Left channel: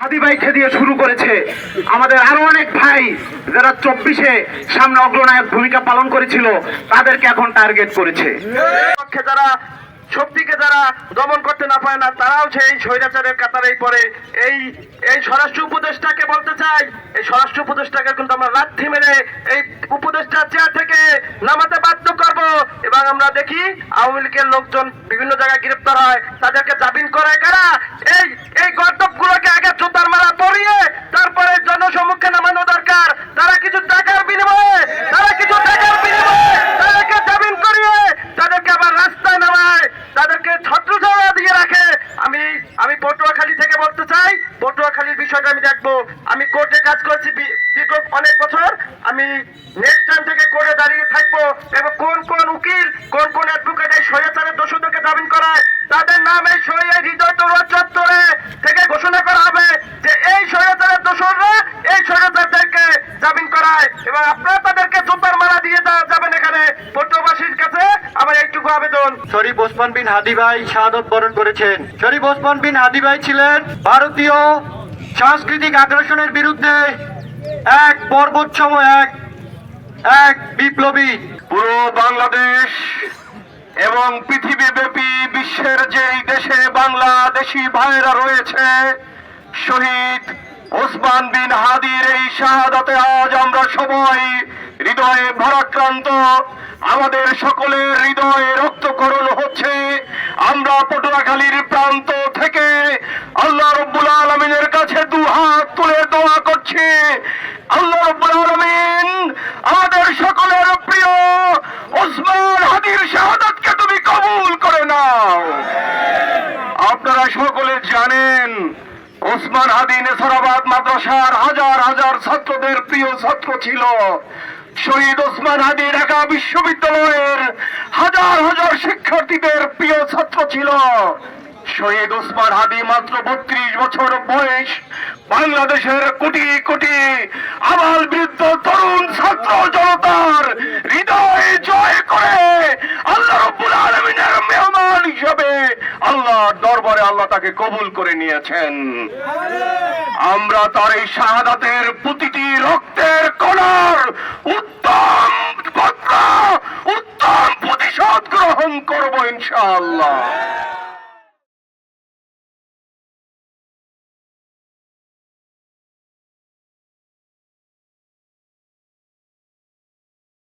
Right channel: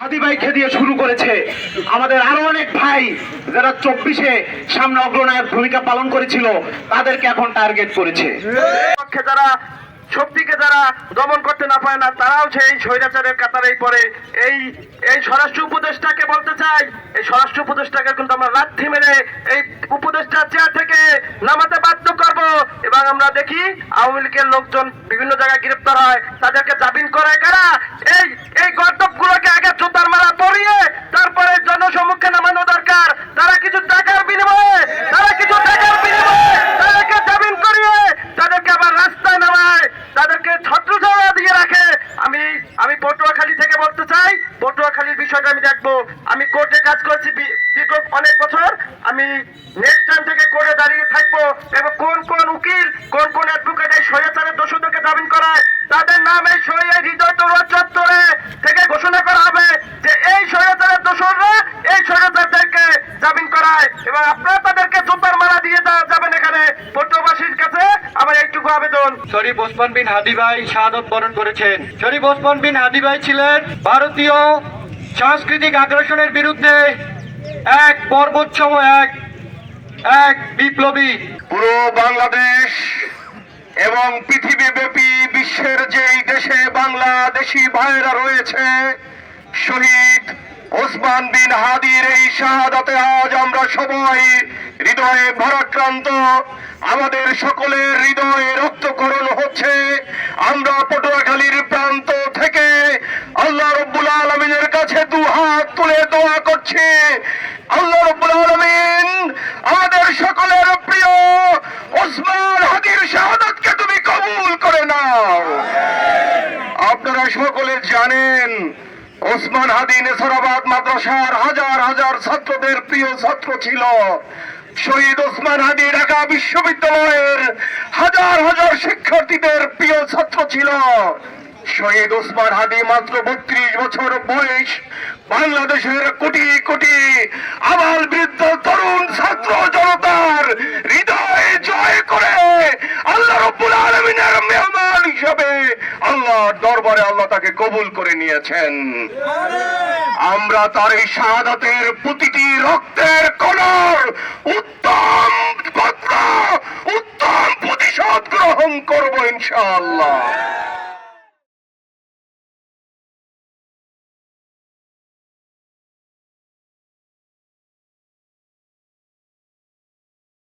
হাদি ভাইকে দিয়ে শুরু করেছে। আমাদের আরো অনেক ভাই যারা 24-এ সামনে অগ্রনায়ক ভূমিকা পালন করেছিল তাদেরকে এখন টার্গেট করেছে। যারা শক্তিকে যারা দমন করতে না পারে না তারাও সেই স্বৈরাচারের কাতারেই পড়ে। এই স্বরাষ্ট্র উপদেষ্টাকে বলতে চাই, এই স্বরাষ্ট্র উপদেষ্টাকে কিন্তু আমরা লাথি মেরে এই উপদেষ্টা চেয়ার থেকে নামাতে বাধ্য করব। এবং আমরা দেখি আওয়ামী লীগের লোকজন বিভিন্ন জায়গায় গ্রেপ্তার হয়, তাদেরকে জামিন করায় কারা? এই গর্দভগুলোকে আগে জুতার মারা পরিয়ে তারপরে জনসম্মুখে নামানো দরকার। তারা কিছু টাকার বিনিময়ে তাদেরকে জামিন করিয়ে তাদেরকে আবার রাস্তায় নামায়, তাদেরকে ছত্রছায়া দিয়ে রাখে। আমি পটুয়াখালী থেকে বলতে চাই, পটুয়াখালীর বিষয়টা আমি দেখবো। আমি কোর্টে কাজ করছি দীর্ঘ অনেক বছর। আমি নেক্সট টাইম থেকে কোর্টে দাঁড়িয়ে থাকবো এবং কোন উকিল কোন অ্যাডভোকেট এই স্বৈরাচারের দোষীদেরকে জামিন করায় তাদের নাম এই হৃদয় তরুণ চত্বরে থেকে ঘোষণা করা হবে যে এই স্বৈরাচারের দোষররা এই স্বৈরাচারদেরকে জামিন করায় এবং আপনারা তাদেরকে জুতার মারা দিয়ে যাবেন। এখানে পটুয়াবাসীর কাছে আমার এইটুকু আবেদন। শরীফ ওসমান বিন হাদি ভাই শাহাদত বরণ করেছেন। শরীফ ওসমান বিন হাদি ভাই ছিলেন ভারতীয় সাংস্কৃতিক আগ্রাসনের বিরুদ্ধে এক পর্বতসম এক বিপ্লবী। পুরো বাংলাদেশ এবং পৃথিবীব্যাপী বিশ্বের যেই দেশে বাংলাদেশি ভাইয়েরা রয়েছে, শহীদ ওসমান বিন হাদির এই শাহাদাতে আজ আমরা সবাই হৃদয়ে ভারাক্রান্ত। আমাদের সকলের হৃদয়ে রক্তকরণ হচ্ছে। আমরা পটুয়াখালীর প্রান্ত থেকে আল্লাহ রাব্বুল আলামিনের কাছে দুহাত তুলে দোয়া করছি, আল্লাহ রাব্বুল আলামিন আমাদের সকলের প্রিয় ওসমান হাদির শাহাদাতকে তুমি কবুল করে নাও। আপনারা সকলে জানেন ওসমান হাদি নেসারাবাদ মাদ্রাসার হাজার হাজার ছাত্রদের প্রিয় ছাত্র ছিল। শহীদ ওসমান হাদি ঢাকা বিশ্ববিদ্যালয়ের হাজার হাজার শিক্ষার্থীদের প্রিয় ছাত্র ছিল। শহীদ ওসমান হাদি মাত্র 32 বছর বয়স বাংলাদেশের কোটি কোটি আবাল বৃদ্ধ তরুণ ছাত্র জনতার হৃদয় জয় করে আল্লাহ রাব্বুল আলামিনের মেহমান হিসেবে আল্লাহর দরবারে আল্লাহ তাকে কবুল করে নিয়েছেন। আমরা তার এই শাহাদাতের প্রতিটি রক্তের কণার উত্তম প্রতিশোধ গ্রহণ করব ইনশাআল্লাহ।